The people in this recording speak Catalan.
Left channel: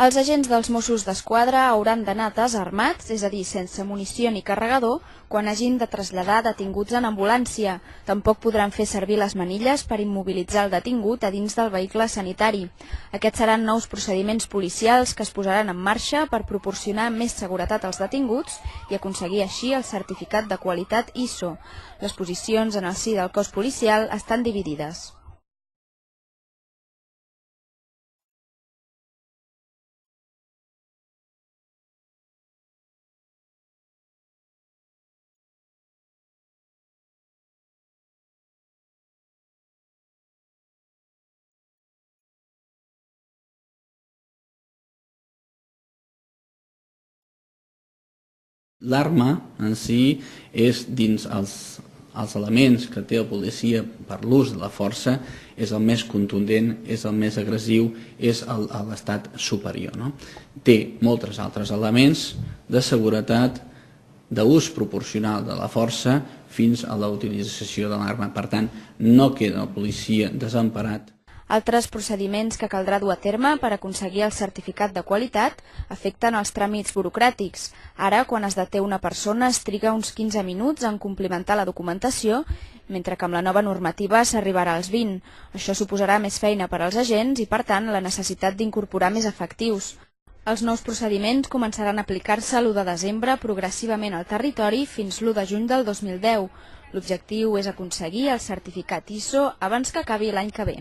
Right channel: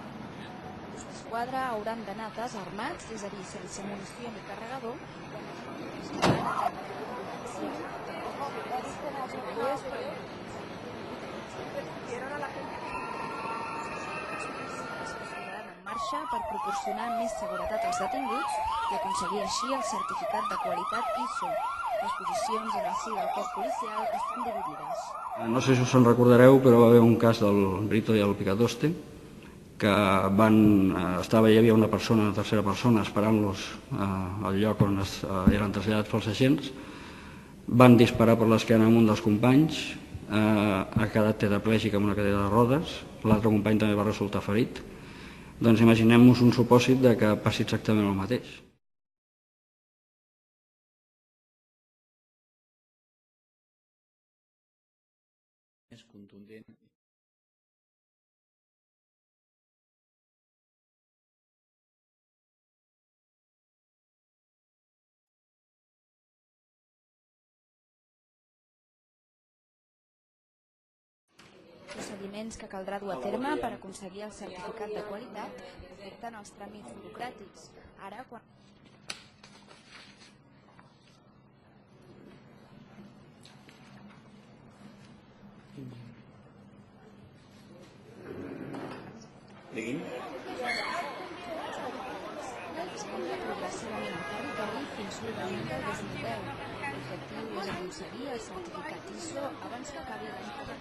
Els agents dels Mossos d'Esquadra hauran d'anar desarmats, és a dir, sense munició ni carregador, quan hagin de traslladar detinguts en ambulància. Tampoc podran fer servir les manilles per immobilitzar el detingut a dins del vehicle sanitari. Aquests seran nous procediments policials que es posaran en marxa per proporcionar més seguretat als detinguts i aconseguir així el certificat de qualitat ISO. Les posicions en el si del cos policial estan dividides. No sé si us en recordareu, però va haver un cas del Brito i el Picatoste, que hi havia una persona, una tercera persona, esperant-los al lloc on eren traslladats pels agents. Van disparar per l'esquena a un dels companys, ha quedat tetraplègic amb una cadira de rodes, l'altre company també va resultar ferit. Doncs imaginem-nos un supòsit de que passi exactament el mateix. L'arma en si és dins els elements que té el policia per l'ús de la força, és el més contundent, és el més agressiu, és l'estat superior. Té molts altres elements de seguretat, d'ús proporcional de la força fins a la utilització de l'arma. Per tant, no queda el policia desemparat. Altres procediments que caldrà dur a terme per aconseguir el certificat de qualitat afecten els tràmits burocràtics. Ara, quan es deté una persona, es triga uns 15 minuts en complimentar la documentació, mentre que amb la nova normativa s'arribarà als 20. Això suposarà més feina per als agents i, per tant, la necessitat d'incorporar més efectius. Els nous procediments començaran a aplicar-se l'1 de desembre progressivament al territori fins l'1 de juny del 2010. L'objectiu és aconseguir el certificat ISO abans que acabi l'any que ve.